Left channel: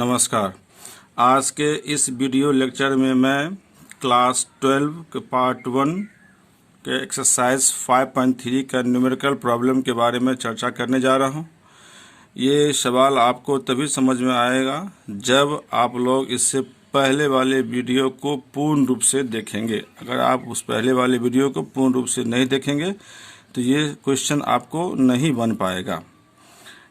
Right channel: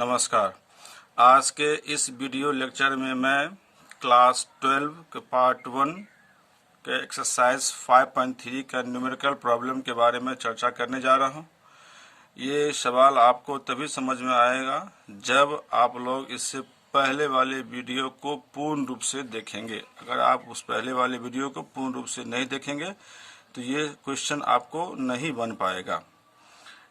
नमस्कार। आज के इस वीडियो लेक्चर में मैं क्लास 12 के पार्ट 1 के एक्सरसाइज 5.3 का न्यूमेरिकल प्रॉब्लम के बारे में चर्चा करने जा रहा हूं। ये सवाल आपको तभी समझ में आएगा जब आप लोग इससे पहले वाले वीडियो को पूर्ण रूप से देखेंगे। अगर आप उस पहले वाले वीडियो को पूर्ण रूप से नहीं देखेंगे तो ये क्वेश्चन आपको नहीं बन पाएगा।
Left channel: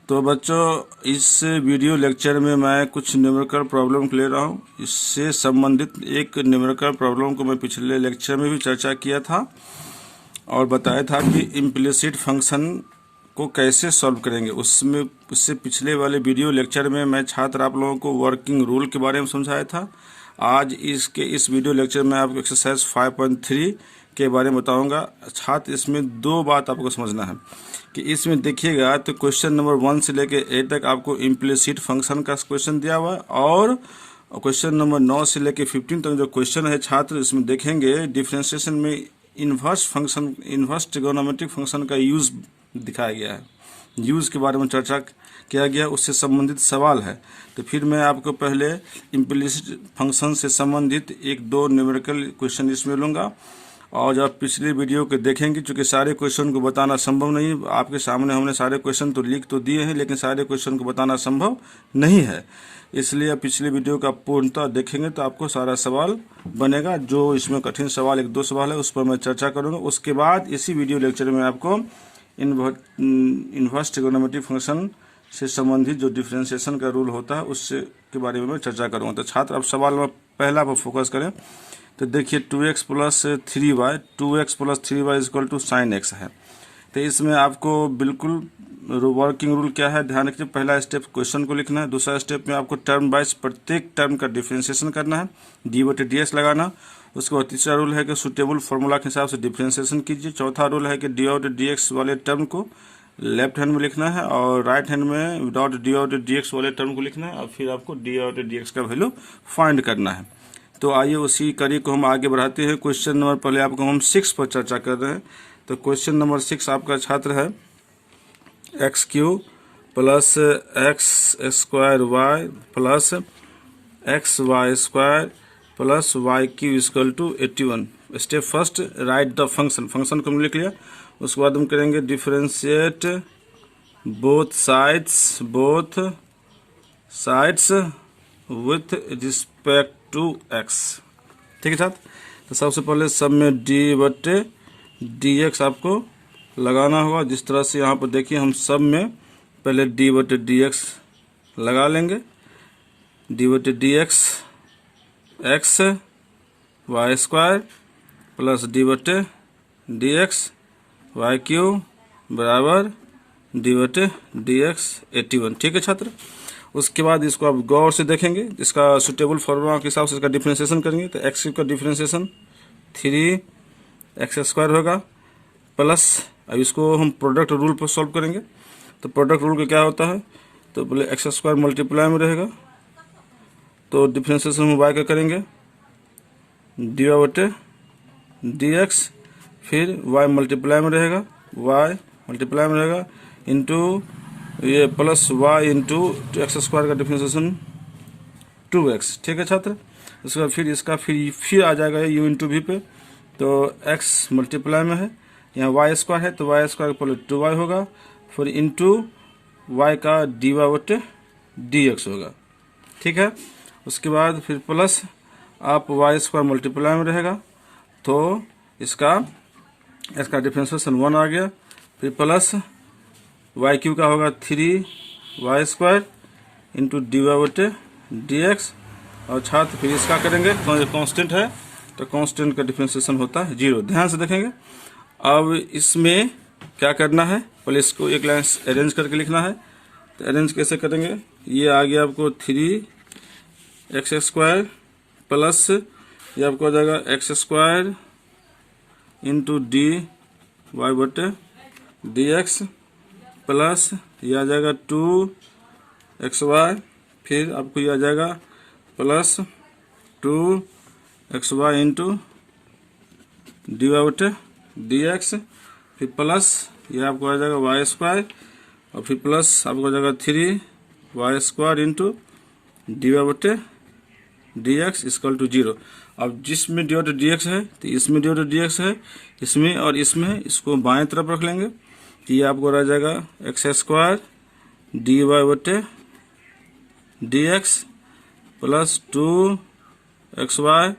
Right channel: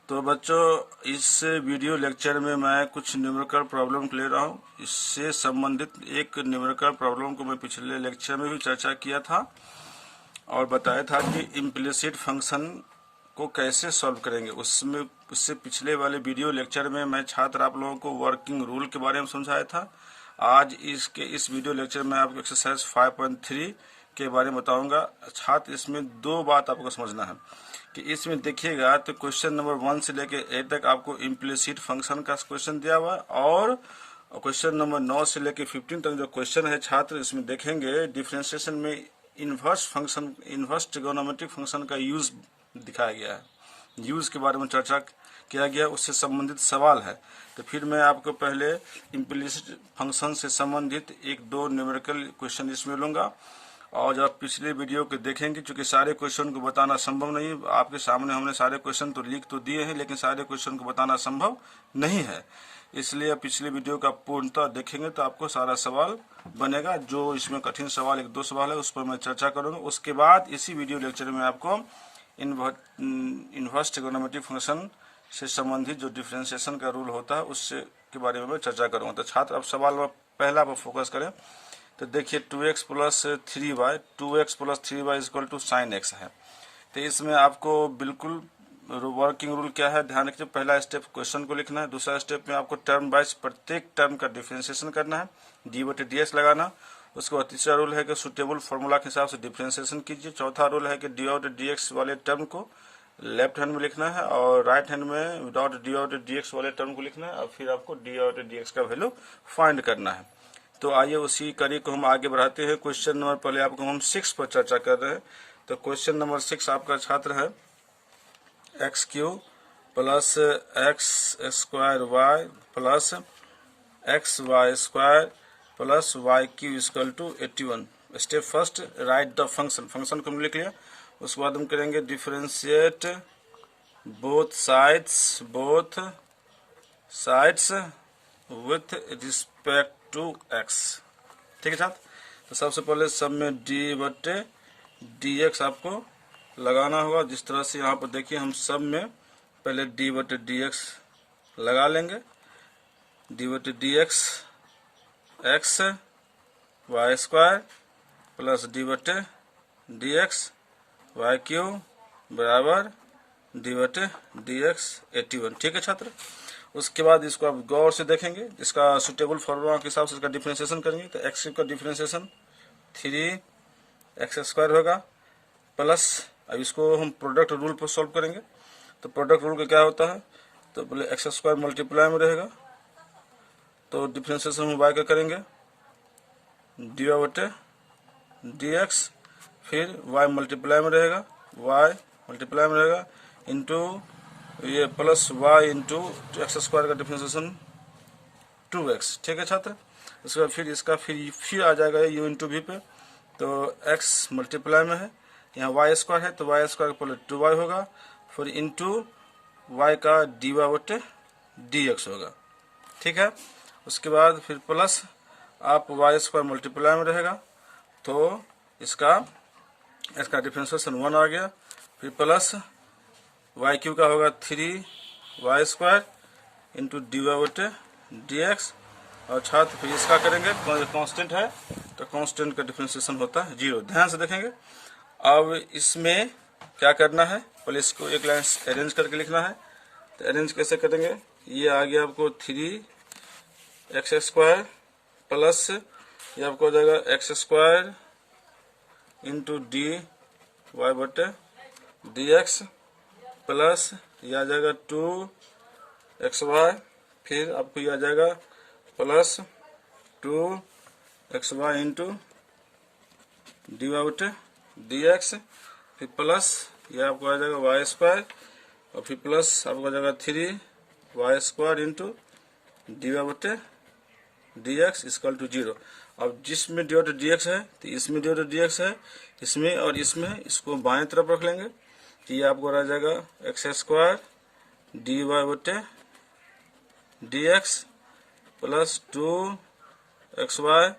तो बच्चों, इस वीडियो लेक्चर में मैं कुछ न्यूमेरिकल प्रॉब्लम ले रहा हूँ। इससे संबंधित एक न्यूमेरिकल प्रॉब्लम को मैं पिछले लेक्चर में भी चर्चा किया था और बताया था कि इम्प्लिसिट फंक्शन को कैसे सॉल्व करेंगे। उससे पिछले वाले वीडियो लेक्चर में मैं छात्र आप लोगों को वर्किंग रूल के बारे में समझाया था। आज इस वीडियो लेक्चर में आपको एक्सरसाइज 5.3 के बारे में बताऊंगा। छात्र, इसमें दो बात आपको समझना है कि इसमें देखिएगा तो क्वेश्चन नंबर 1 से लेकर 8 तक आपको इम्प्लिसिट फंक्शन का क्वेश्चन दिया हुआ है और क्वेश्चन नंबर 9 से लेकर 15 तक जो क्वेश्चन है छात्र, इसमें देखेंगे डिफरेंशिएशन में इन्वर्स ट्रिगोनोमेट्रिक फंक्शन का यूज दिखाया गया है। यूज के बारे में चर्चा किया गया, उससे संबंधित सवाल है। तो फिर मैं आपको पहले इम्प्लिसिट फंक्शन से संबंधित 1-2 न्यूमेरिकल क्वेश्चन इसमें लूंगा और जब पिछली वीडियो को देखेंगे, चूंकि सारे क्वेश्चन को बताना संभव नहीं, आपके सामने हमने सारे क्वेश्चन तो लिख तो दिए हैं लेकिन सारे क्वेश्चन को बताना संभव नहीं है। इसलिए पिछली वीडियो का पूर्णतः देखेंगे तो आपको सारा सवाल बनेगा। जो इसमें कठिन सवाल 1-2 सवाल है उस पर मैं चर्चा करूंगा। उसके बाद इसी वीडियो लेक्चर में आपको इन्वर्स ट्रिगोनोमेट्रिक फंक्शन से संबंधित जो डिफरेंशिएशन का रूल होता है उससे के बारे में मैं चर्चा करूंगा। तो छात्र, अब सवाल में पहला पर फोकस करें। तो देखिए 2x plus 3y 2x plus 3y equal to sine x है। तो इसमें आपको बिल्कुल वर्किंग रूल क्या है ध्यान रखिए। पहला स्टेप क्वेश्चन को लिखना है। दूसरा स्टेप में आपको टर्म वाइज प्रत्येक टर्म का डिफरेंशिएशन करना है, dy/dx लगाना। उसके बाद तीसरा रूल है कि सुटेबल फॉर्मूला के हिसाब से डिफरेंशिएशन कीजिए। चौथा रूल है कि dy/dx वाले टर्म को लेफ्ट हैंड में लिखना है और राइट हैंड में विदाउट dy/dx वाले टर्म को लिखना है और फिर आपको dy/dx का वैल्यू फाइंड करना है। तो आइए उसी कड़ी को हम आगे बढ़ाते हैं। क्वेश्चन नंबर पहले आपको हम 6 पर चर्चा कर रहे हैं। तो क्वेश्चन नंबर 6 आपका छात्र है x³ plus x² plus xy² plus y³ equal to 81। Step first, write the function. Function को हम लिख लिया। उसके बाद हम करेंगे differentiate both sides with respect to x। ठीक है छात्र। तो सबसे पहले सब में dy/dx आपको लगाना होगा। जिस तरह से यहाँ पर देखिए हम सब में पहले dy/dx लगा लेंगे। dy/dx x y² plus dy/dx y³ बराबर dy/dx 81। ठीक है छात्र। उसके बाद इसको आप गौर से देखेंगे, इसका सुटेबल फॉर्मूला के हिसाब से इसका डिफरेंशिएशन करेंगे। तो x³ का डिफरेंशिएशन 3x² होगा प्लस, अब इसको हम प्रोडक्ट रूल पर सॉल्व करेंगे। तो प्रोडक्ट रूल का क्या होता है, तो बोले x² मल्टीप्लाई में रहेगा तो डिफरेंशिएशन हम y का करेंगे dy/dx, फिर y मल्टीप्लाई में रहेगा इंटू ये प्लस y इंटू x² का डिफरेंशिएशन 2x। ठीक है छात्र। उसके बाद फिर इसका फिर आ जाएगा u इंटू v पे। तो x मल्टीप्लाई में है, यहाँ y² है तो y² का पहले 2y होगा, फिर इंटू y का dy/dx होगा। ठीक है। उसके बाद फिर प्लस आप y² मल्टीप्लाई में रहेगा तो इसका डिफरेंशिएशन 1 आ गया। फिर प्लस y³ का होगा 3y² इंटू dy/dx और छात्र फिर इसका करेंगे, कांस्टेंट है तो कांस्टेंट का डिफरेंशिएशन होता है 0। ध्यान से देखेंगे। अब इसमें क्या करना है, पहले इसको एक लाइन अरेंज करके लिखना है। तो अरेंज कैसे करेंगे, ये आ गया आपको 3x² प्लस ये आपको आ जाएगा x² इंटू dy/dx प्लस ये आ जाएगा 2xy, फिर आपको ये आ जाएगा प्लस 2xy इंटू dy/dx, फिर प्लस ये आपको आ जाएगा y² और फिर प्लस आपको आ जाएगा 3y² इंटू dy बटे dx इक्वल टू 0। अब जिसमें dy बटे dx है तो इसमें dy बटे dx है, इसमें और इसमें, इसको बाएं तरफ रख लेंगे तो ये आपको रह जाएगा एक्स स्क्वायर dy बटे dx प्लस 2xy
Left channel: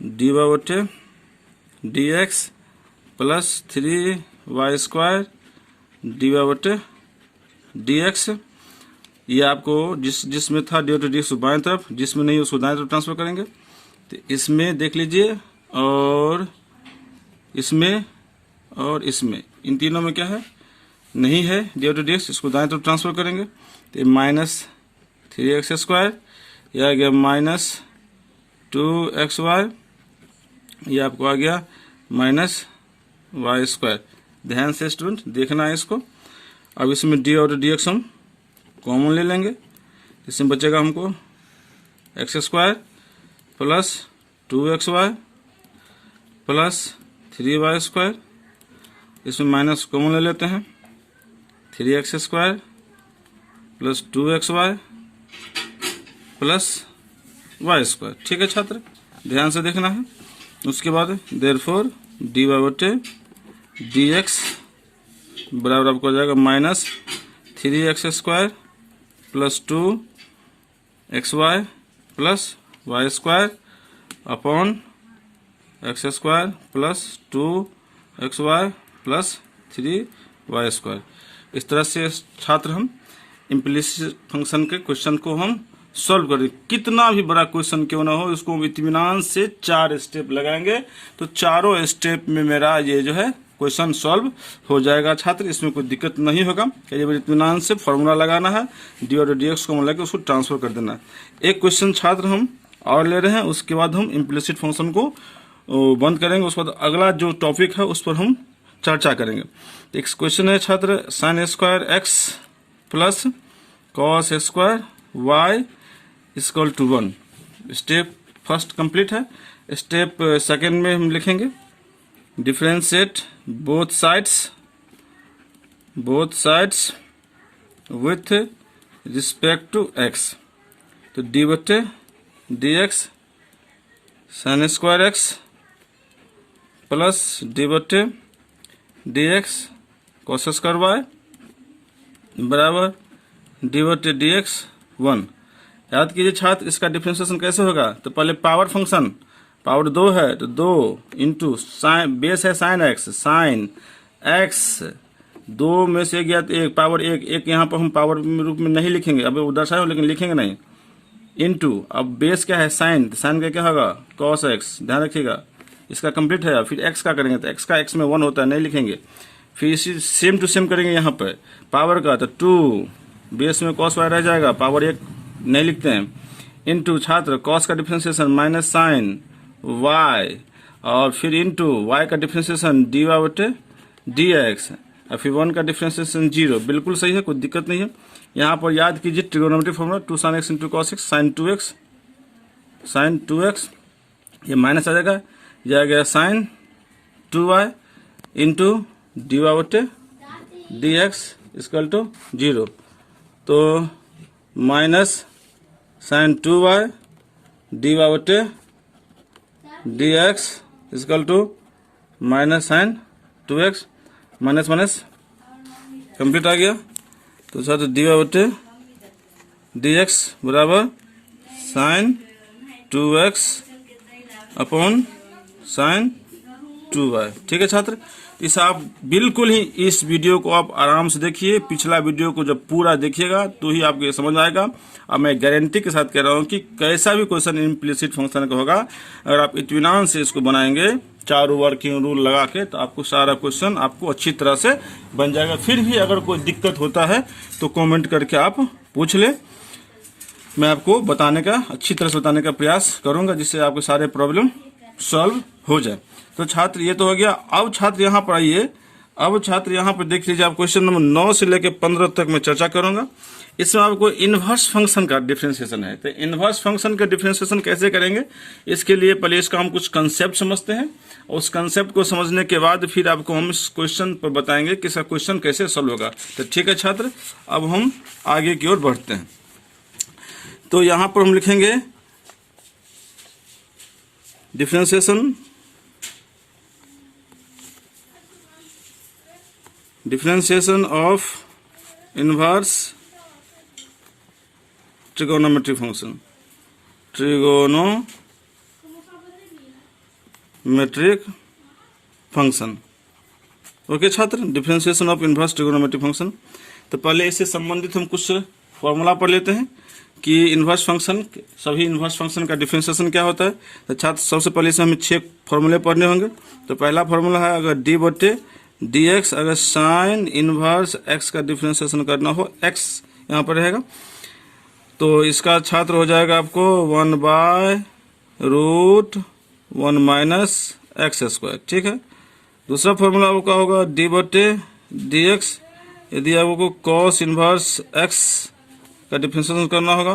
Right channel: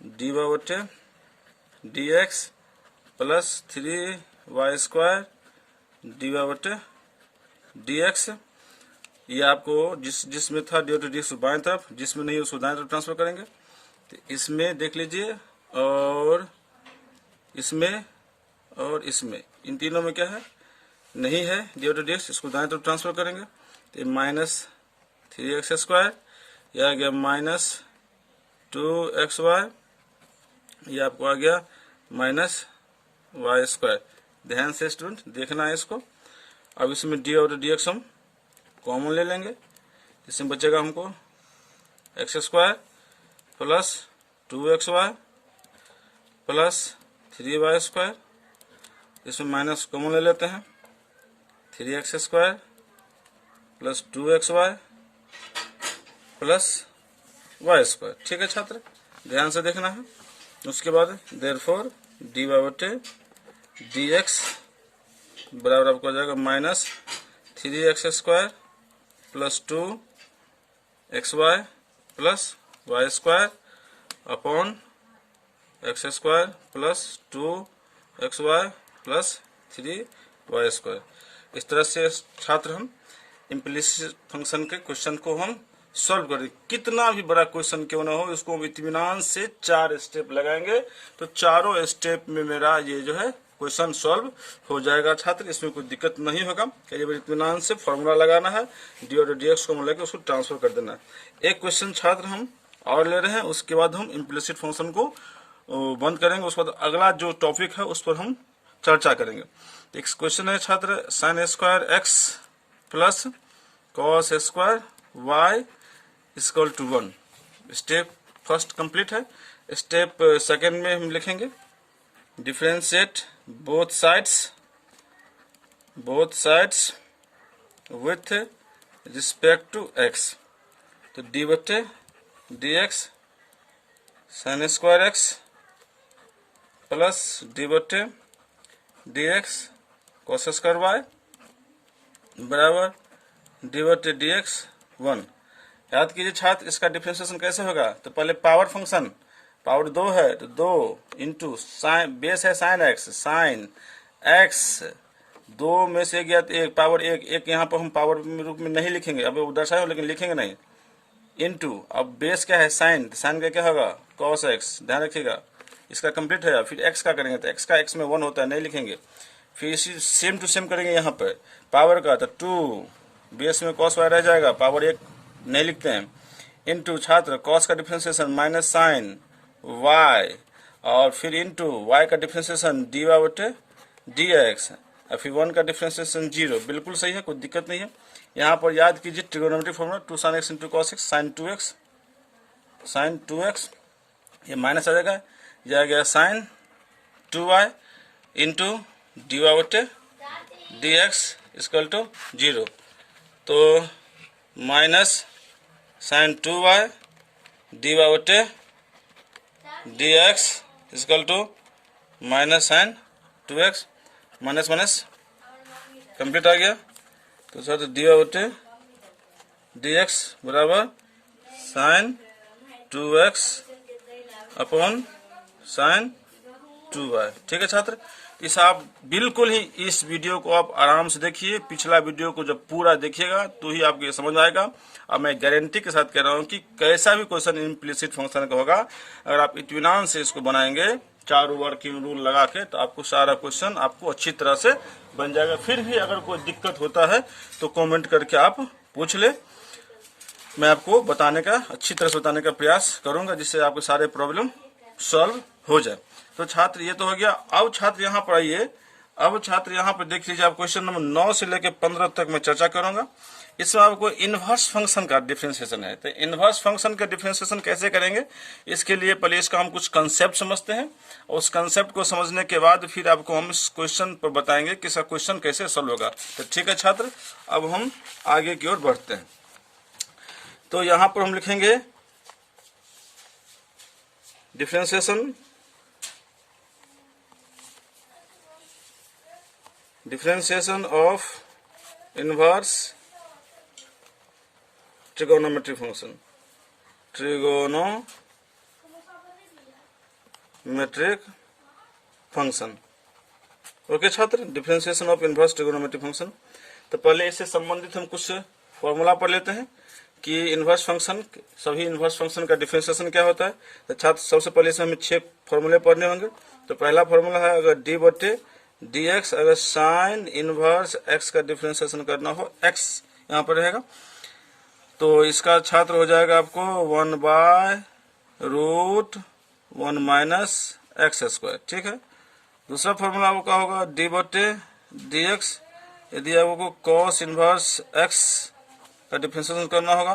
dy बटे dx plus 3y square dy बटे dx। ये आपको जिसमें था dy बटे dx बाएं तरफ, जिसमें नहीं उसको दाएं तरफ ट्रांसफर करेंगे। तो इसमें देख लीजिए और इसमें और इसमें, इन तीनों में क्या है, नहीं है dy बटे dx, इसको दाएं तरफ ट्रांसफर करेंगे तो माइनस 3x स्क्वायर, यह आ गया माइनस 2xy, ये आपको आ गया माइनस y स्क्वायर। ध्यान से स्टूडेंट देखना है इसको। अब इसमें dy और dx हम कॉमन ले लेंगे, इसमें बचेगा हमको x square plus 2xy plus 3y square, इसमें माइनस कॉमन ले लेते हैं 3x square plus 2xy plus y square. ठीक है छात्र, ध्यान से देखना है। उसके बाद देयरफॉर dy बटे dx बराबर आपको हो जाएगा minus 3x square plus 2xy plus y square upon x square plus 2xy plus 3y square. इस तरह से छात्र हम इम्प्लिसिट फंक्शन के क्वेश्चन को हम सॉल्व करें। कितना भी बड़ा क्वेश्चन क्यों ना हो, इसको हम इत्मीनान से 4 स्टेप लगाएंगे तो चारों स्टेप में मेरा ये जो है क्वेश्चन सॉल्व हो जाएगा छात्र, इसमें कोई दिक्कत नहीं होगा। इत्मीनान से फॉर्मूला लगाना है, डी और dx को मिला के उसको ट्रांसफर कर देना। एक क्वेश्चन छात्र हम और ले रहे हैं, उसके बाद हम इम्प्लिसिट फंक्शन को बंद करेंगे। उसके बाद अगला जो टॉपिक है उस पर हम चर्चा करेंगे। एक क्वेश्चन है छात्र, sine square x plus cos square y equal to 1। Step first complete है। स्टेप सेकंड में हम लिखेंगे differentiate both sides with respect to x. तो डी बटे dx sine square x plus d बटे dx कॉस स्क्वायर वाई बराबर d बटे dx 1। याद कीजिए छात्र, इसका डिफरेंशिएशन कैसे होगा, तो पहले पावर फंक्शन, पावर 2 है तो 2 इंटू साइन, बेस है साइन एक्स, साइन एक्स 2 में से गया तो 1 पावर 1 यहाँ पर हम पावर रूप में नहीं लिखेंगे, अब दर्शाए लेकिन लिखेंगे नहीं, इंटू अब बेस क्या है साइन, साइन का क्या होगा कॉस एक्स, ध्यान रखिएगा इसका कंप्लीट है। फिर एक्स का करेंगे तो एक्स का एक्स में 1 होता है, नहीं लिखेंगे। फिर इसी सेम टू सेम करेंगे यहाँ पर पावर का, तो 2 बेस में कॉस वाई रह जाएगा, पावर 1 नहीं लिखते हैं, इनटू छात्र कॉस का डिफरेंशिएशन माइनस साइन वाई, और फिर इनटू वाई का डिफरेंशिएशन डी वाई बटे डी एक्स, और फिर 1 का डिफरेंशिएशन 0। बिल्कुल सही है, कोई दिक्कत नहीं है। यहाँ पर याद कीजिए trigonometric formula 2 sin x into cos x sine 2x, ये माइनस आ जाएगा, जाएगा sine 2y into d y बटे डी एक्स इक्वल टू 0। तो minus sine 2y d y बटे d x equal to minus sine 2x, minus minus complete आ गया। तो सर डी वाई बटे डी एक्स बराबर sine 2x upon sine 2y। ठीक है छात्र, इस आप बिल्कुल ही इस वीडियो को आप आराम से देखिए, पिछला वीडियो को जब पूरा देखिएगा तो ही आपको ये समझ आएगा। अब मैं गारंटी के साथ कह रहा हूँ कि कैसा भी क्वेश्चन इम्प्लिसिट फंक्शन का होगा, अगर आप इत्मीनान से इसको बनाएंगे चारों वर्किंग रूल लगा के, तो आपको सारा क्वेश्चन आपको अच्छी तरह से बन जाएगा। फिर भी अगर कोई दिक्कत होता है तो कॉमेंट करके आप पूछ ले, मैं आपको बताने का, अच्छी तरह से बताने का प्रयास करूंगा, जिससे आपके सारे प्रॉब्लम सॉल्व हो जाए। तो छात्र ये तो हो गया। अब छात्र यहाँ पर आइए, अब छात्र यहाँ पर देख लीजिए, आप क्वेश्चन नंबर 9 से लेकर 15 तक मैं चर्चा करूंगा। इसमें आपको इनवर्स फंक्शन का डिफरेंशिएशन है। तो इनवर्स फंक्शन का डिफरेंशिएशन कैसे करेंगे, इसके लिए पहले इसका हम कुछ कंसेप्ट समझते हैं, और उस कंसेप्ट को समझने के बाद फिर आपको हम इस क्वेश्चन पर बताएंगे कि इसका क्वेश्चन कैसे सॉल्व होगा। तो ठीक है छात्र, अब हम आगे की ओर बढ़ते हैं। तो यहां पर हम लिखेंगे differentiation of inverse trigonometric function. Okay छात्र, differentiation of inverse trigonometric function. तो पहले इससे संबंधित हम कुछ फॉर्मूला पढ़ लेते हैं कि इनवर्स फंक्शन, सभी इनवर्स फंक्शन का डिफरेंशिएशन क्या होता है। तो छात्र सबसे पहले इसे हमें 6 फॉर्मूले पढ़ने होंगे। तो पहला फॉर्मूला है, अगर डी बटे डी एक्स, अगर साइन इनवर्स एक्स का डिफरेंशिएशन करना हो, एक्स यहाँ पर रहेगा, तो इसका छात्र हो जाएगा आपको 1/√1 माइनस एक्स स्क्वायर। ठीक है। दूसरा फॉर्मूला आपका होगा डी बटे डी एक्स, यदि आपको कॉस इनवर्स एक्स का डिफरेंशिएशन करना होगा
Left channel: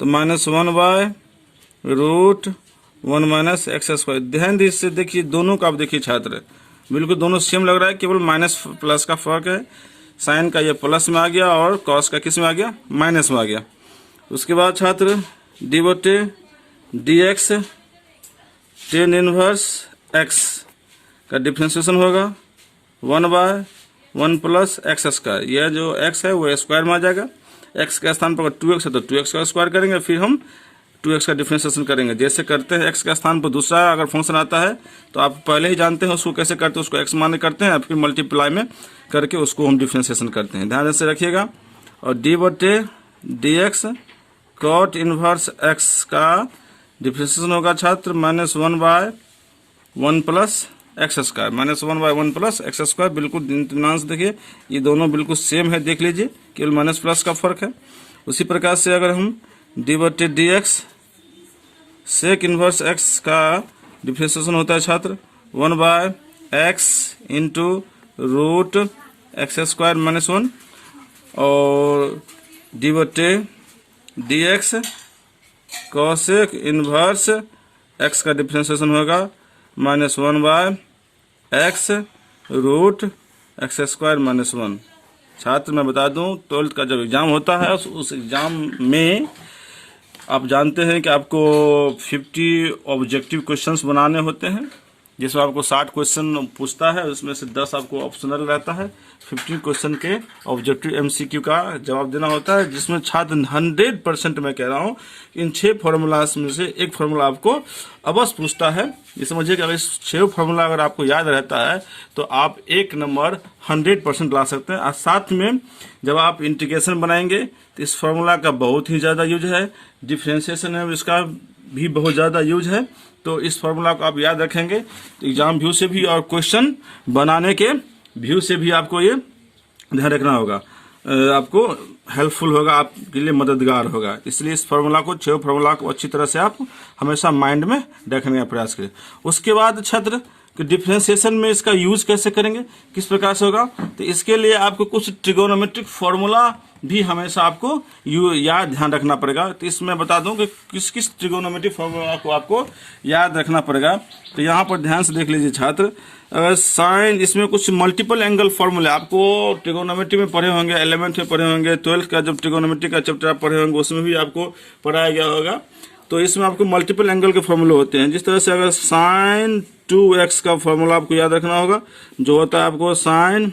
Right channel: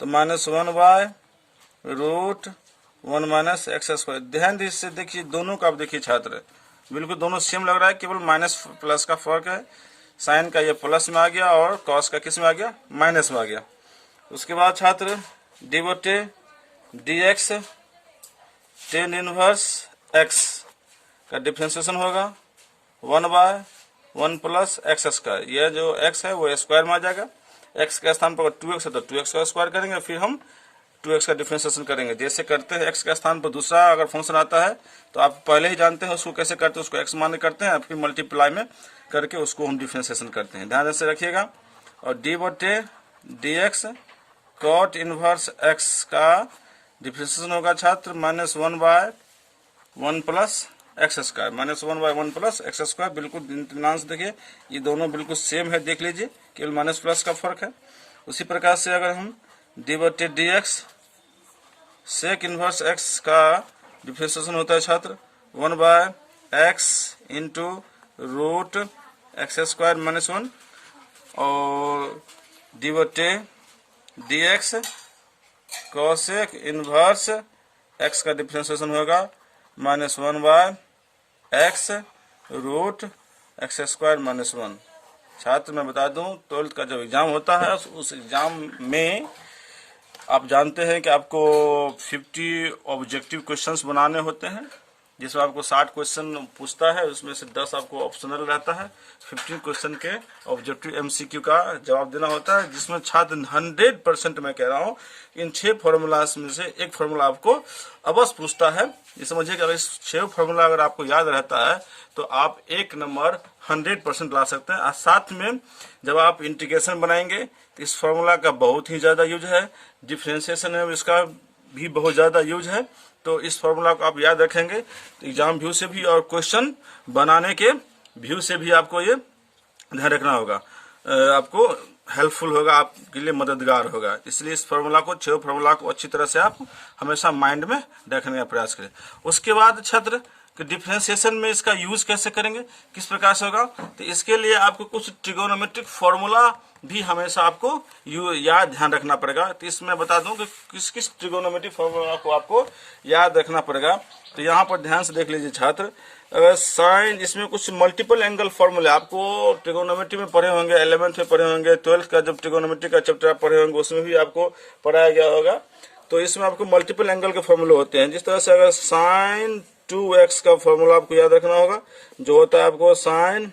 तो -1/√1 माइनस एक्स स्क्वायर। ध्यान से देखिए, दोनों का आप देखिए छात्र, बिल्कुल दोनों सेम लग रहा है, केवल माइनस प्लस का फर्क है। साइन का ये प्लस में आ गया और कॉस का किस में आ गया, माइनस में आ गया। उसके बाद छात्र डी बटे d x tan inverse x का डिफरेंशिएशन होगा 1/1 प्लस एक्स स्क्वायर। यह जो एक्स है वो स्क्वायर में आ जाएगा। एक्स के स्थान पर 2x है तो 2x का स्क्वायर करेंगे, फिर हम 2x का डिफरेंशिएशन करेंगे। जैसे करते हैं एक्स के स्थान पर दूसरा अगर फंक्शन आता है तो आप पहले ही जानते हैं उसको कैसे करते हैं, उसको एक्स मान करते हैं, फिर मल्टीप्लाई में करके उसको हम डिफरेंशिएशन करते हैं। ध्यान से रखिएगा। और डी बटे d x cot inverse x का डिफरेंशिएशन होगा छात्र -1/1 plus x square, -1/1 plus x square. बिल्कुल ध्यान से देखिए, ये दोनों बिल्कुल सेम है, देख लीजिए, केवल माइनस प्लस का फर्क है। उसी प्रकार से अगर हम डी बटे d x sec inverse x का डिफरेंशिएशन होता है छात्र 1/x into root x square -1, और डी बटे d x cosec inverse x का डिफरेंशिएशन होगा -1/x रूट एक्स स्क्वायर -1। छात्र मैं बता दूं, 12th का जब एग्जाम होता है उस एग्जाम में आप जानते हैं कि आपको 50 ऑब्जेक्टिव क्वेश्चंस बनाने होते हैं, जिसमें आपको 60 क्वेश्चन पूछता है, उसमें से 10 आपको ऑप्शनल रहता है। 15 क्वेश्चन के ऑब्जेक्टिव एमसीक्यू का जवाब देना होता है, जिसमें छात्र 100% मैं कह रहा हूं इन 6 फॉर्मूलाज में से एक फॉर्मूला आपको अवश्य पूछता है। ये समझिए कि अगर इस 6 फॉर्मूला अगर आपको याद रहता है तो आप 1 नंबर 100% ला सकते हैं। और साथ में जब आप इंटीग्रेशन बनाएंगे तो इस फॉर्मूला का बहुत ही ज्यादा यूज है, डिफरेंशिएशन है इसका भी बहुत ज्यादा यूज है। तो इस फॉर्मूला को आप याद रखेंगे तो एग्जाम व्यू से भी और क्वेश्चन बनाने के व्यू से भी आपको ये ध्यान रखना होगा, आपको हेल्पफुल होगा, आपके लिए मददगार होगा। इसलिए इस फॉर्मूला को, 6 फॉर्मूला को अच्छी तरह से आप हमेशा माइंड में रखने का प्रयास करें। उसके बाद छात्र डिफरेंशिएशन में इसका यूज कैसे करेंगे, किस प्रकार से होगा, तो इसके लिए आपको कुछ ट्रिगोनोमेट्रिक फॉर्मूला भी हमेशा आपको याद ध्यान रखना पड़ेगा। तो इसमें बता दूं कि किस किस ट्रिगोनोमेट्रिक फॉर्मूला को आपको याद रखना पड़ेगा। तो यहाँ पर ध्यान से देख लीजिए छात्र, साइन, इसमें कुछ मल्टीपल एंगल फॉर्मूले आपको ट्रिगोनोमेट्री में पढ़े होंगे, 11th में पढ़े होंगे, 12th का जब ट्रिगोनोमेट्री का चैप्टर आप पढ़े होंगे उसमें भी आपको पढ़ाया गया होगा। तो इसमें आपको मल्टीपल एंगल के फॉर्मूले होते हैं। जिस तरह से अगर साइन 2x का फॉर्मूला आपको याद रखना होगा, जो होता है आपको sine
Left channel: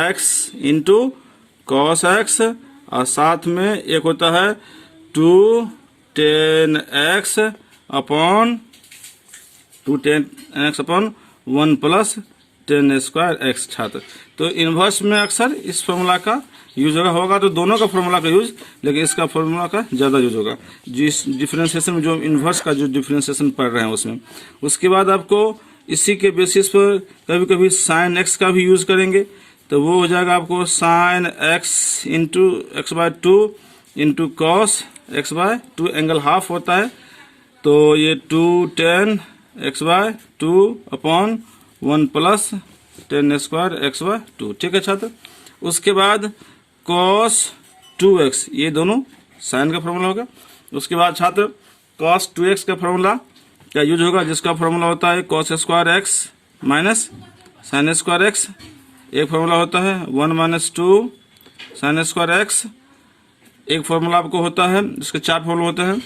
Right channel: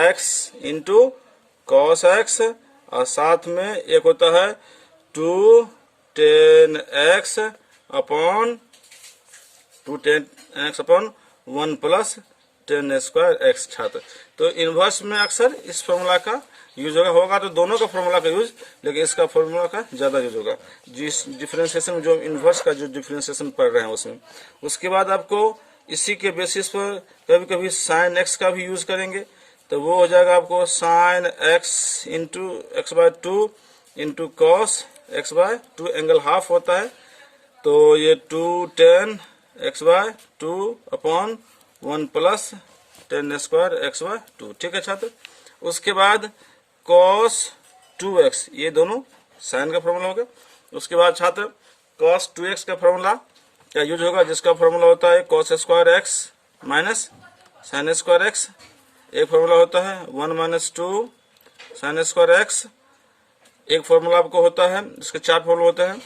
x into cos x, और साथ में एक होता है 2 tan x upon 1 plus tan square x. छात्र तो इनवर्स में अक्सर इस फॉर्मूला का यूज होगा, तो दोनों का फॉर्मूला का यूज, लेकिन इसका फॉर्मूला का ज्यादा यूज होगा जिस डिफरेंशिएशन में, जो इनवर्स का जो डिफरेंशिएशन पढ़ रहे हैं उसमें। उसके बाद आपको इसी के बेसिस पर कभी कभी साइन एक्स का भी यूज करेंगे, तो वो हो जाएगा आपको sine x into x/2 into cos x/2, angle half होता है, तो ये 2 tan x/2 upon 1 plus tan square x/2। ठीक है छात्र। उसके बाद cos 2x, ये दोनों साइन का फॉर्मूला होगा। उसके बाद छात्र cos 2x का फॉर्मूला क्या यूज होगा, जिसका फॉर्मूला होता है cos square x minus sine square x। एक फॉर्मूला होता है 1 - 2 साइन स्क्वायर x, एक फॉर्मूला आपको होता है, इसके 4 फॉर्मूला होते हैं,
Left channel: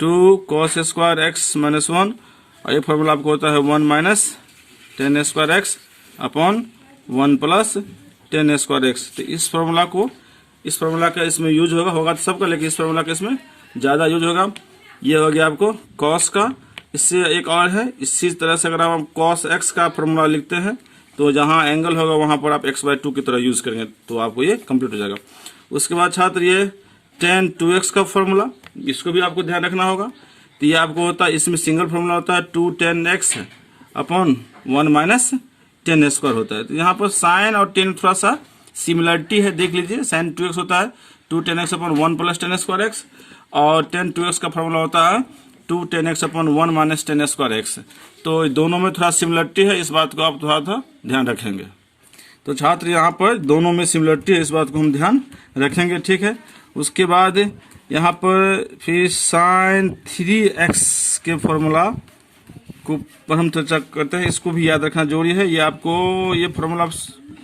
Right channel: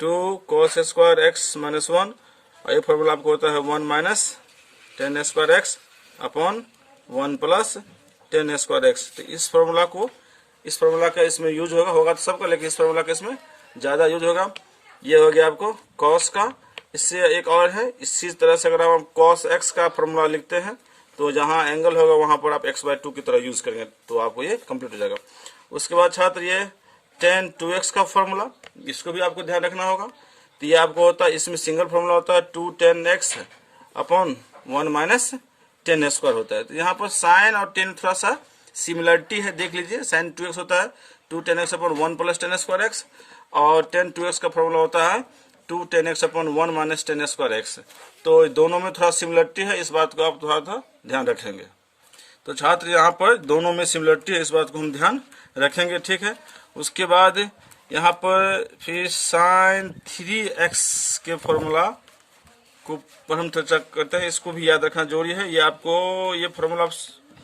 2 cos स्क्वायर एक्स माइनस 1, और एक फॉर्मूला आपको होता है 1 minus ten square x upon 1 plus ten square x. तो इस फॉर्मूला का इसमें यूज होगा तो सबका, लेकिन इस फॉर्मूला का इसमें ज़्यादा यूज होगा। ये हो गया आपको cos का। इससे एक और है, इसी तरह से अगर हम cos x का फॉर्मूला लिखते हैं तो जहाँ एंगल होगा वहाँ पर आप x/2 की तरह यूज करेंगे तो आपको ये कंप्लीट हो जाएगा। उसके बाद छात्र ये tan 2x का फॉर्मूला, इसको भी आपको ध्यान रखना होगा। तो ये आपको होता है, इसमें सिंगल फॉर्मूला होता है 2 tan x upon 1 minus ten square होता है। तो यहाँ पर साइन और टेन थोड़ा सा सिमिलरिटी है, देख लीजिए। साइन 2x होता है 2 tan x upon 1 plus ten square x, और tan 2x का फॉर्मूला होता है 2 tan x upon 1 minus ten square x. तो दोनों में थोड़ा सिमिलरिटी है, इस बात को आप थोड़ा ध्यान रखेंगे। तो छात्र यहाँ पर दोनों में सिमिलरिटी है, इस बात को हम ध्यान रखेंगे, ठीक है। उसके बाद यहाँ पर फिर साइन 3x के फॉर्मूला को पर हम चर्चा करते हैं, इसको भी याद रखना जरूरी है। ये आपको ये फॉर्मूला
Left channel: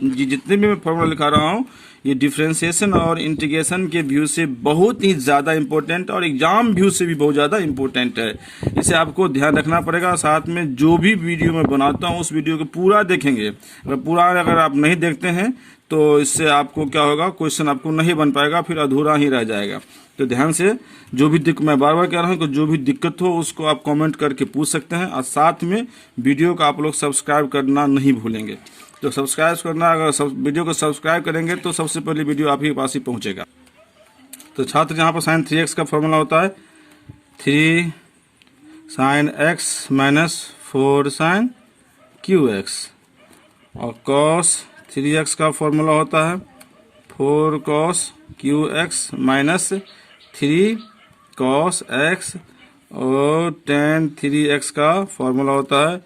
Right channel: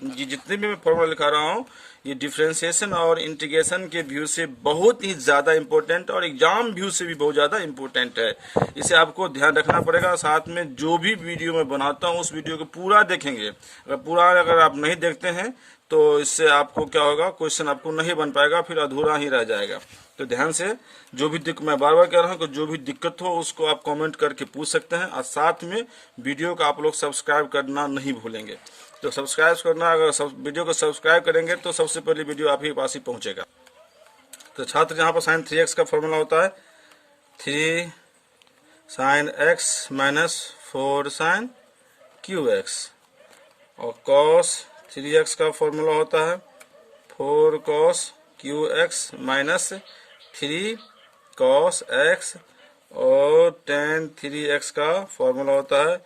जितने भी मैं फॉर्मूला लिखा रहा हूँ ये डिफरेंशिएशन और इंटीग्रेशन के व्यू से बहुत ही ज़्यादा इंपॉर्टेंट और एग्जाम व्यू से भी बहुत ज़्यादा इंपॉर्टेंट है। इसे आपको ध्यान रखना पड़ेगा। साथ में जो भी वीडियो मैं बनाता हूँ उस वीडियो को पूरा देखेंगे। अगर आप नहीं देखते हैं तो इससे आपको क्या होगा, क्वेश्चन आपको नहीं बन पाएगा, फिर अधूरा ही रह जाएगा। तो ध्यान से जो भी मैं बार बार कह रहा हूँ कि जो भी दिक्कत हो उसको आप कमेंट करके पूछ सकते हैं। और साथ में वीडियो को आप लोग सब्सक्राइब करना नहीं भूलेंगे। तो सब्सक्राइब करना, अगर वीडियो को सब्सक्राइब करेंगे तो सबसे पहले वीडियो आप ही पास ही पहुंचेगा। तो छात्र यहाँ पर साइन 3x का फॉर्मूला होता है 3 sine x minus 4 sine QX, और cos 3x का फॉर्मूला होता है 4 cos QX minus 3 cos x, और tan 3x का फॉर्मूला होता है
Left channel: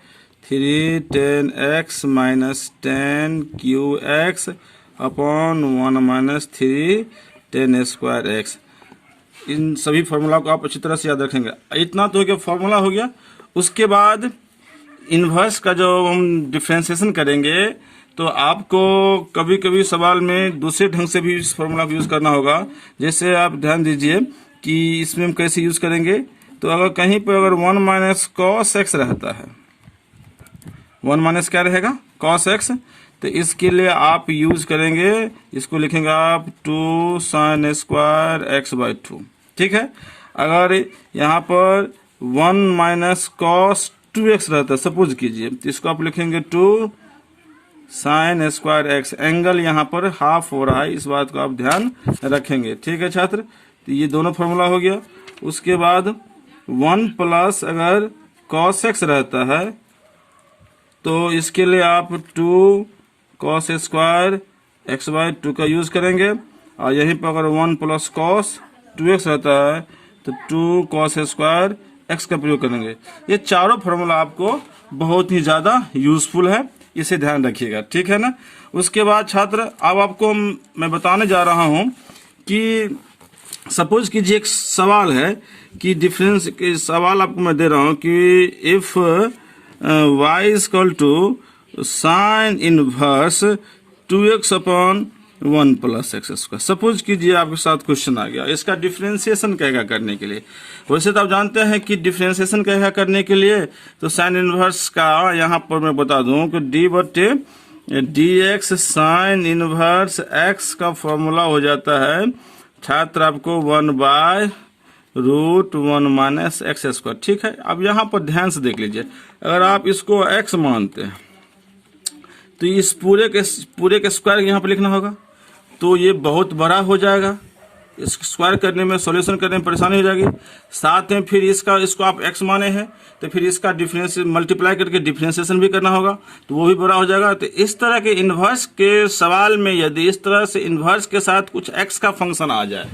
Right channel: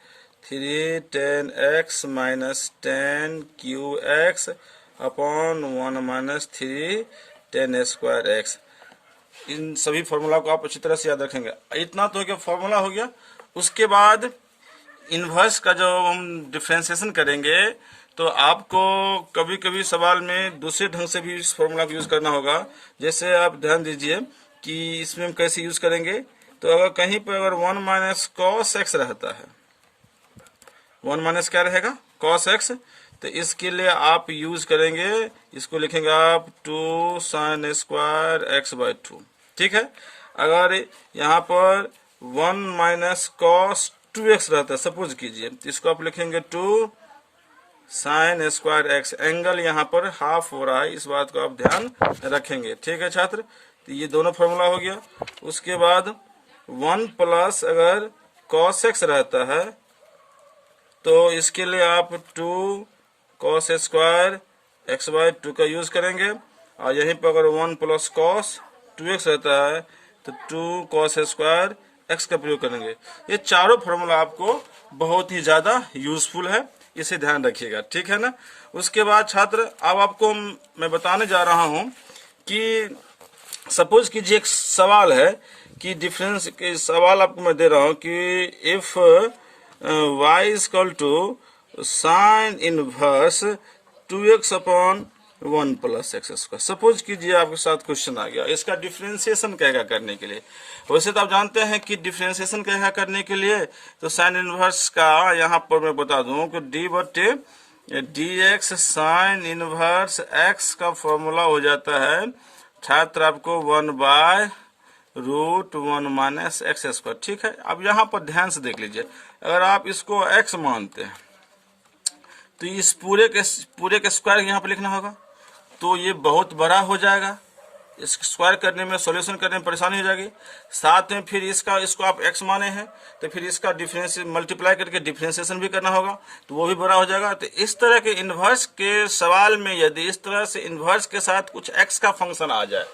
3 tan x minus tan QX upon 1 minus 3 tan square x। इन सभी फॉर्मूला को आप अच्छी तरह से याद रखेंगे। इतना तो हो गया, फॉर्मूला हो गया। उसके बाद इन्वर्स का जो हम डिफरेंशिएशन करेंगे तो आपको कभी कभी सवाल में दूसरे ढंग से भी इस फॉर्मूला को यूज करना होगा। जैसे आप ध्यान दीजिए कि इसमें हम कैसे यूज करेंगे। तो अगर कहीं पर अगर 1 माइनस कॉस एक्स रहता है, 1 माइनस क्या रहेगा, कॉस एक्स, तो इसके लिए आप यूज करेंगे, इसको लिखेंगे आप 2 साइन स्क्वायर x/2, ठीक है। अगर यहाँ पर 1 माइनस कॉस 2x रहता है, सपोज कीजिए, तो इसको आप लिखेंगे 2 साइन स्क्वायर एक्स। एंगल यहाँ पर हाफ हो रहा है, इस बात को आप ध्यान रखेंगे, ठीक है छात्र। तो ये दोनों फॉर्मूला हो गया। उसके बाद 1 प्लस अगर कॉस एक्स रहता है तो इसके लिए आप 2 कॉस स्क्वायर x/2 का यूज करेंगे, और यहीं पर अगर 1 प्लस कॉस 2x रहता है तो 2 कॉस स्क्वायर x का प्रयोग करेंगे। ये चारों फॉर्मूला आपको बहुत ही ज्यादा यूजफुल है, इसे ध्यान रखिएगा, ठीक है ना। उसके बाद छात्र अब आपको मैं बताने जा रहा हूं कि सपोज कीजिए एक सवाल है कि डिफरेंस के सवाल आपको मैं दे रहा हूं कि if y is equal to sine inverse 2x upon 1 plus x square. Suppose कीजिए आपके साथ क्वेश्चन आ गया, इसका डिफरेंशिएशन कहेगा करने के लिए। वैसे तो आप जानते हैं कि डिफरेंशिएशन कहेगा करने के लिए तो साइन इनवर्स का यहाँ पर मैं बता दूं कि dx साइन इनवर्स x का फॉर्मूला हो जाता है छात्र आपको 1/√1 माइनस एक्स स्क्वायर, ठीक है। अब यहाँ पर ध्यान से देख लीजिए, अगर आप इसको x मानते हैं तो इस पूरे के स्क्वायर यहाँ पर लिखना होगा, तो ये बहुत बड़ा हो जाएगा। इसको स्क्वायर करने में, सॉल्यूशन करने में परेशानी हो जाएगी। साथ में फिर इसको आप x माने हैं तो फिर इसका डिफरेंस मल्टीप्लाई करके डिफरेंशिएशन भी करना होगा, तो वो भी बड़ा हो जाएगा। तो इस तरह के इन्वर्स के सवाल में यदि इस तरह से इन्वर्स के साथ कुछ x का फंक्शन आ जाए,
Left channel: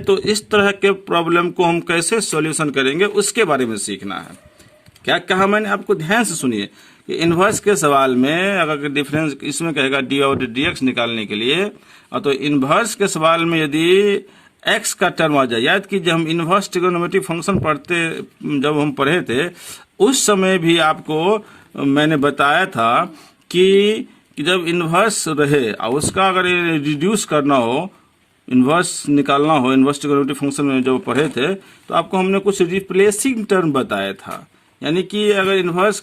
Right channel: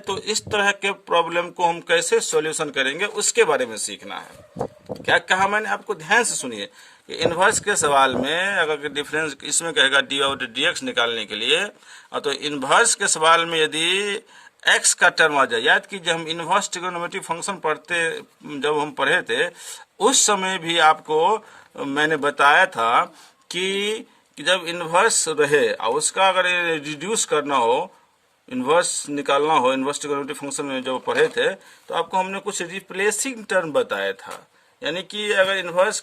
तो इस तरह के प्रॉब्लम को हम कैसे सॉल्यूशन करेंगे उसके बारे में सीखना है। क्या कहा मैंने, आपको ध्यान से सुनिए। इन्वर्स के सवाल में अगर डिफरेंस इसमें कहेगा डी और dx निकालने के लिए, तो इन्वर्स के सवाल में यदि x का टर्म आ जाए, याद कीजिए हम इन्वर्स ट्रिगोनोमेट्रिक फंक्शन जब हम पढ़े थे उस समय भी आपको मैंने बताया था कि जब इन्वर्स रहे और उसका अगर रिड्यूस करना हो इन्वर्स निकालना हो, इन्वर्स ट्रिग्नोमेट्रिक फंक्शन में जब पढ़े थे तो आपको हमने कुछ रिप्लेसिंग टर्म बताया था। यानी कि अगर इन्वर्स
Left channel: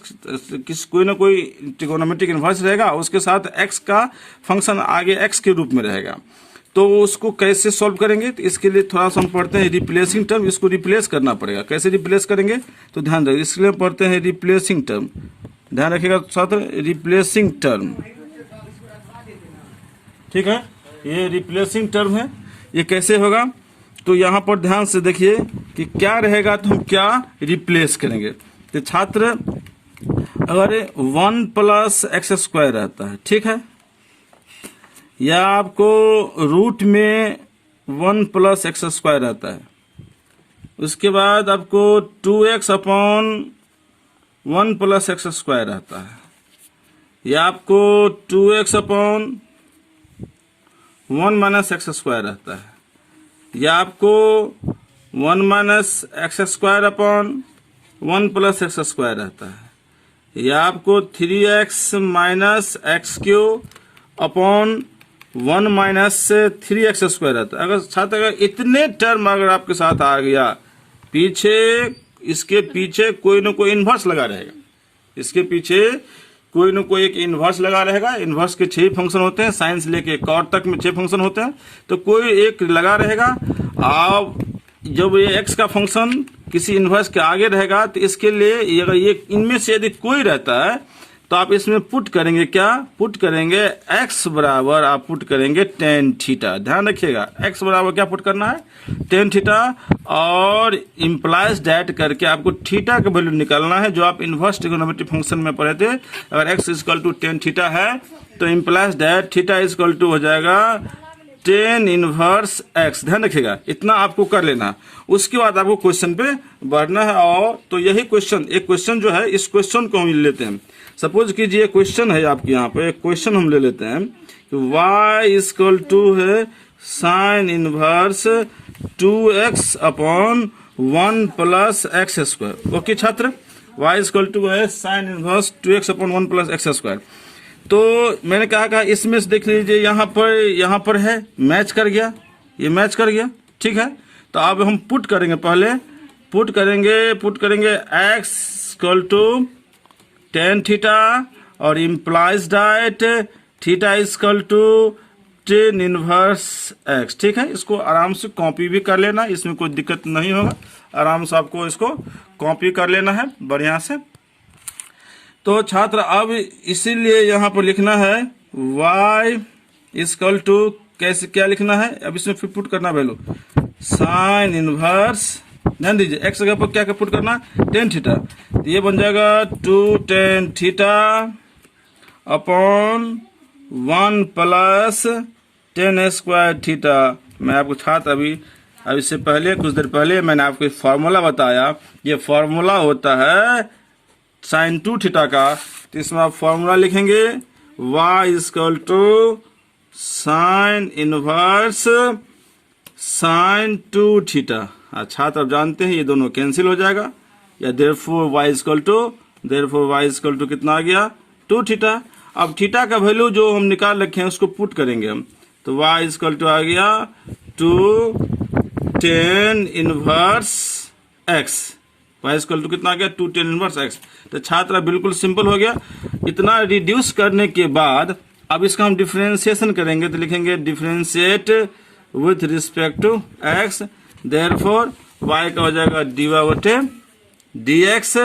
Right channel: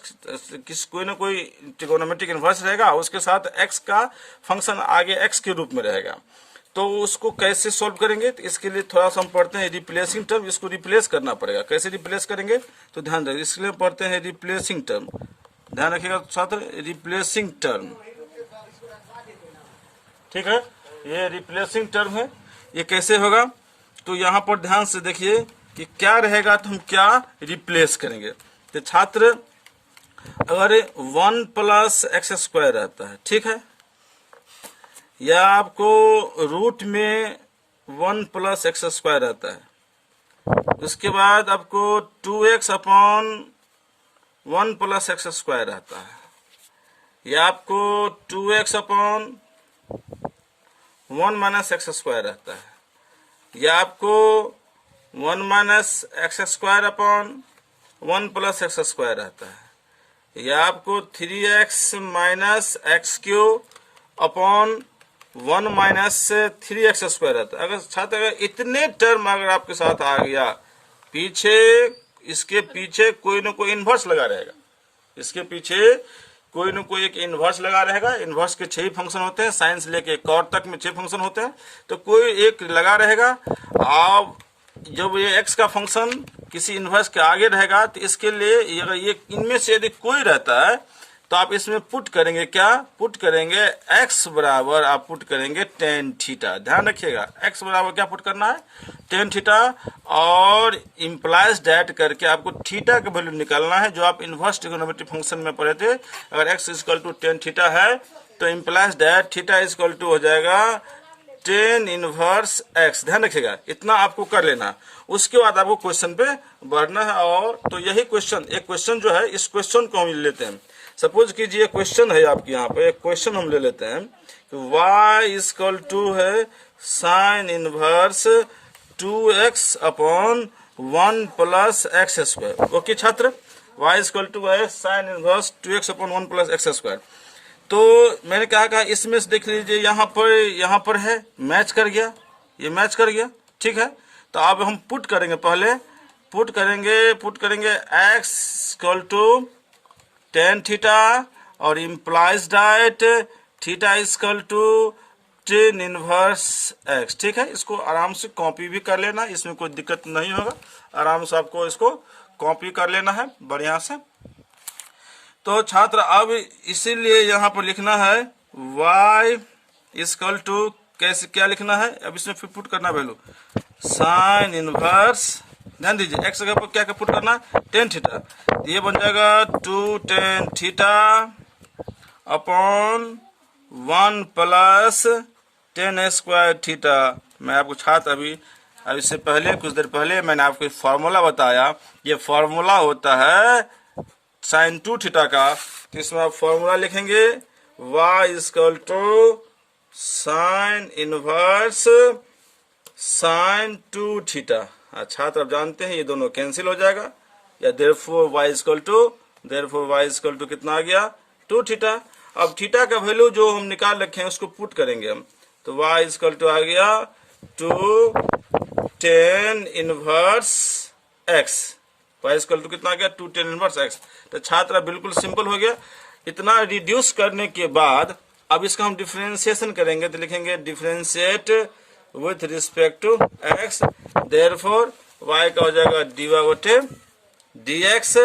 कोई ना कोई ट्रिग्नोमेट्रिक इन्वर्स रहेगा, उसके साथ एक्स का फंक्शन आगे एक्स के रूप में रहेगा, तो उसको कैसे सॉल्व करेंगे? तो इसके लिए थोड़ा सा हम पढ़ते हैं रिप्लेसिंग टर्म। इसको रिप्लेस करना पड़ेगा। कैसे रिप्लेस करेंगे तो ध्यान रखिए, इसलिए पढ़ते हैं रिप्लेसिंग टर्म। ध्यान रखिएगा छात्र, रिप्लेसिंग टर्म, ठीक है, ये रिप्लेसिंग टर्म है। ये कैसे होगा तो यहाँ पर ध्यान से देखिए कि क्या रहेगा, तो हम क्या रिप्लेस करेंगे। तो छात्र अगर 1 प्लस एक्स स्क्वायर रहता है, ठीक है, या आपको रूट में 1 प्लस एक्स स्क्वायर रहता है, उसके बाद आपको 2x upon 1 plus x square रहता है, या आपको 2x upon 1 minus x square रहता है, या आपको 1 minus x square upon 1 plus x square रहता है, या आपको 3x minus x cube upon 1 minus 3x square रहता है। अगर इतने टर्म अगर आपके साथ आ गया, पीछे इसके पीछे कोई ना कोई इन्वर्स लगा रहेगा, इसके पीछे कोई ना कोई एक इन्वर्स लगा रहेगा। इन्वर्स के 6 फंक्शन होते हैं, साइंस लेके कॉट तक में 6 फंक्शन होते हैं, तो कोई एक लगा रहेगा। अब जब ये x का फंक्शन किसी इन्वर्स के आगे रहेगा, तो इसके लिए अगर ये इनमें से यदि कोई रहता है तो आप इसमें पुट करेंगे, क्या पुट करेंगे, x बराबर आप पुट करेंगे tan थीटा। ध्यान रखिएगा, x बराबर क्या पुट करना है, tan थीटा, और इम्प्लाइज डैट करके आपको थीटा का वैल्यू निकालना है, जो आप इन्वर्स ट्रिग्नोमेट्रिक फंक्शन में पढ़े थे। अगर x equal to tan theta है तो implies that theta equal to हो जाएगा tan इनवर्स x। ध्यान रखिएगा, इतना आपको कर लेना। उसके बाद आपको क्वेश्चन पे बढ़ना है, और तो यही क्वेश्चन, एक क्वेश्चन जो है, इस क्वेश्चन को हम लेते हैं। सपोज कीजिए क्वेश्चन है आपके यहाँ पे, एक क्वेश्चन हम ले लेते हैं कि y इक्वल टू है sign inverse 2x upon 1 plus x square. Okay छात्र, y इक्वल टू है sign inverse 2x upon 1 plus x square. तो मैंने कहा इसमें से देख लीजिए, यहाँ पर है, मैच कर गया, ये मैच कर गया, ठीक है। तो अब हम पुट करेंगे, पहले पुट करेंगे x equal to tan theta और इम्प्लाइज डाइट theta equal to tan inverse x, ठीक है। इसको आराम से कॉपी भी कर लेना, इसमें कोई दिक्कत नहीं होगा, आराम से आपको इसको कॉपी कर लेना है बढ़िया से। तो छात्र अब इसीलिए यहाँ पर लिखना है y इक्वल टू, कैसे क्या लिखना है, अब इसमें फिर पुट करना वैल्यू साइन इनवर्स, ध्यान दीजिए x जगह पर क्या पुट करना, tan थीटा, ये बन जाएगा 2 tan theta upon 1 plus tan square theta. मैं आपको छात्र अभी इससे पहले कुछ देर पहले मैंने आपको फॉर्मूला बताया, ये फॉर्मूला होता है साइन 2 थीटा का। तो इसमें आप फॉर्मूला लिखेंगे y equal to sine inverse sine 2 theta. अच्छा, तो आप जानते हैं ये दोनों कैंसिल हो जाएगा, या देयरफॉर y इक्वल टू कितना आ गया, 2 थीटा। अब थीटा का वैल्यू जो हम निकाल रखे हैं उसको पुट करेंगे हम, तो y इक्वल टू आ गया 2 tan inverse x, y equal to कितना आ गया, 2 tan इनवर्स x। तो छात्र बिल्कुल सिंपल हो गया। इतना रिड्यूस करने के बाद अब इसका हम डिफरेंशिएशन करेंगे, तो लिखेंगे differentiate with respect to x, therefore y का हो जाएगा dx,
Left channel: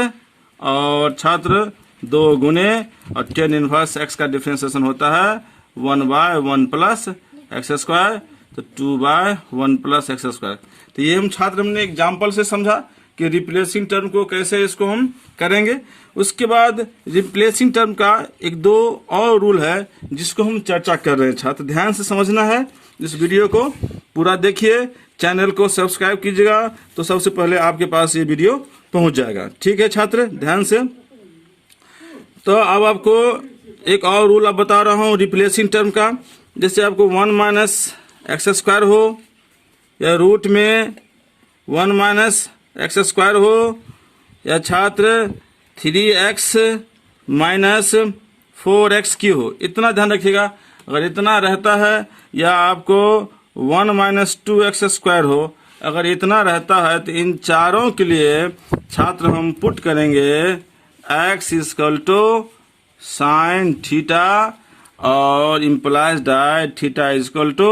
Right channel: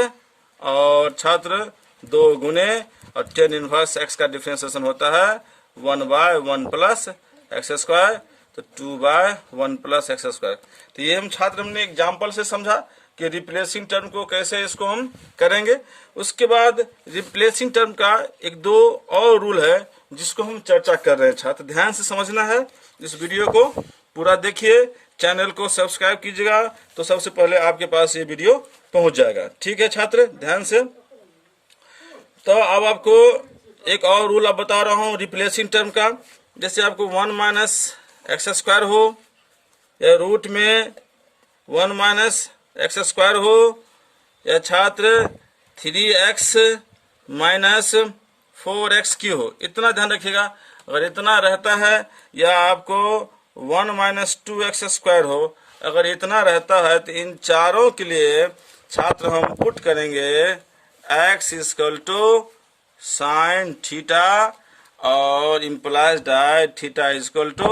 और छात्र 2 गुने और tan इनवर्स x का डिफरेंशिएशन होता है 1/1 प्लस एक्स स्क्वायर, तो 2/1 प्लस एक्स स्क्वायर। तो ये हम छात्र हमने एग्जाम्पल से समझा कि रिप्लेसिंग टर्म को कैसे इसको हम करेंगे। उसके बाद रिप्लेसिंग टर्म का 1-2 और रूल है जिसको हम चर्चा कर रहे हैं। छात्र ध्यान से समझना है, इस वीडियो को पूरा देखिए, चैनल को सब्सक्राइब कीजिएगा, तो सबसे पहले आपके पास ये वीडियो पहुंच जाएगा। ठीक है छात्र, ध्यान से। तो अब आपको एक और रूल अब बता रहा हूँ रिप्लेसिंग टर्म का। जैसे आपको 1 माइनस एक्स स्क्वायर हो, या रूट में 1 माइनस एक्स स्क्वायर हो, या छात्र 3x माइनस 4x क्यू हो, इतना ध्यान रखिएगा। अगर इतना रहता है, या आपको 1 माइनस 2x² हो, अगर इतना रहता है तो इन चारों के लिए छात्र हम पुट करेंगे x equal to sine theta और इम्प्लाइज डाय theta equal to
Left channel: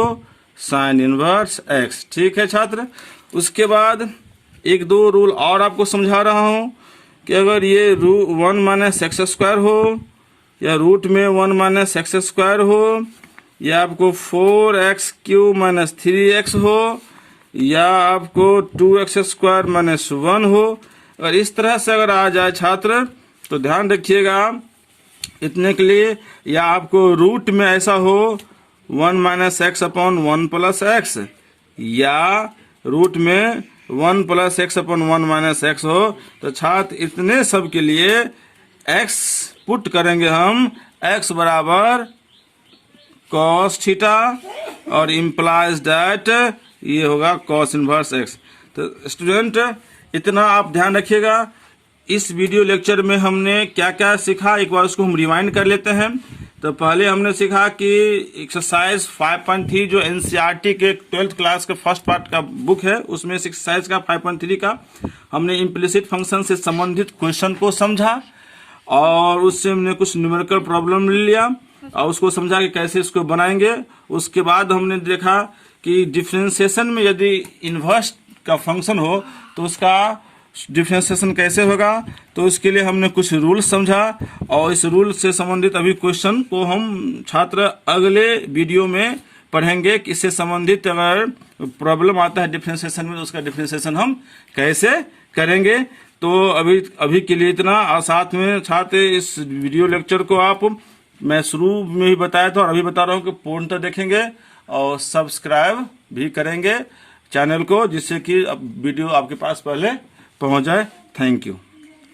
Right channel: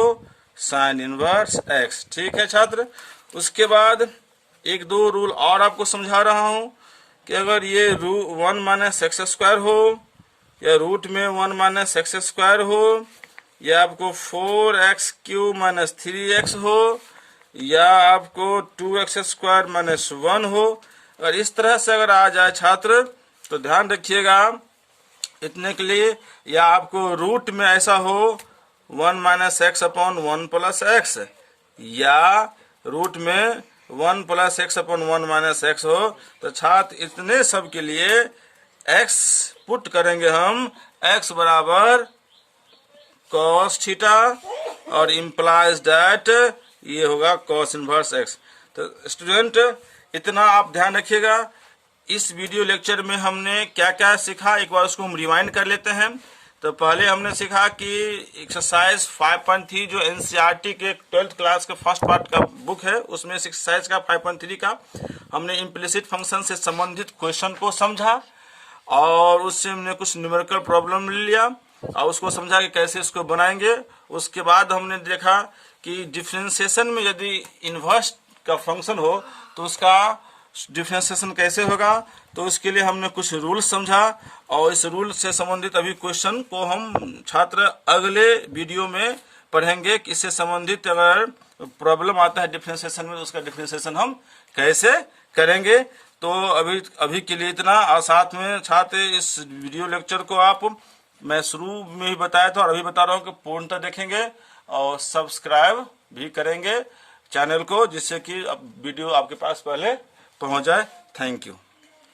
sine inverse x। ठीक है छात्र। उसके बाद एक दो रूल और आपको समझा रहा हूं कि अगर ये 1 माइनस x² हो या रूट में 1 माइनस x² हो या आपको 4x³ माइनस 3x हो या आपको 2x² माइनस 1 हो, अगर इस तरह से अगर आ जाए छात्र तो ध्यान रखिएगा इतने के लिए, या आपको रूट में ऐसा हो 1 minus x upon 1 plus x या रूट में 1 plus x upon 1 minus x हो, तो छात्र इतने सब के लिए x पुट करेंगे हम x बराबर cos थीटा और इम्प्लाइज दैट ये होगा cos इनवर्स x। तो स्टूडेंट इतना आप ध्यान रखिएगा। इस वीडियो लेक्चर में हमने क्या क्या सीखा एक बार उसको हम रिवाइंड कर लेते हैं। तो पहले हमने सीखा कि एक्सरसाइज 5.3 जो एनसीईआरटी के 12th क्लास के फर्स्ट पार्ट का बुक है उसमें से एक्सरसाइज का 5.3 का हमने इम्प्लिसिट फंक्शन से संबंधित क्वेश्चन को समझा और उससे हमने कुछ न्यूमेरिकल प्रॉब्लम ले लिया और उसको समझा कि कैसे इसको बनाएंगे। उसके बाद हमने देखा कि डिफरेंशिएशन में यदि इन्वर्स का फंक्शन हो तो उसका डिफरेंशिएशन कैसे होगा, तो उसके लिए हमने कुछ रूल समझा और इस रूल से संबंधित अभी क्वेश्चन को हम छात्र अगले वीडियो में पढ़ेंगे कि इससे संबंधित अगर प्रॉब्लम आता है डिफरेंशिएशन में तो उसका डिफरेंशिएशन हम कैसे करेंगे। तो अभी के लिए इतना, और साथ में छात्र इस वीडियो लेक्चर को आप मैं शुरू में ही बताया था और अभी बता रहा हूँ कि पूर्णतः देखेंगे और सब्सक्राइब भी करेंगे चैनल को, जिससे कि अब वीडियो आपके पास पहले पहुंच जाए। Thank you.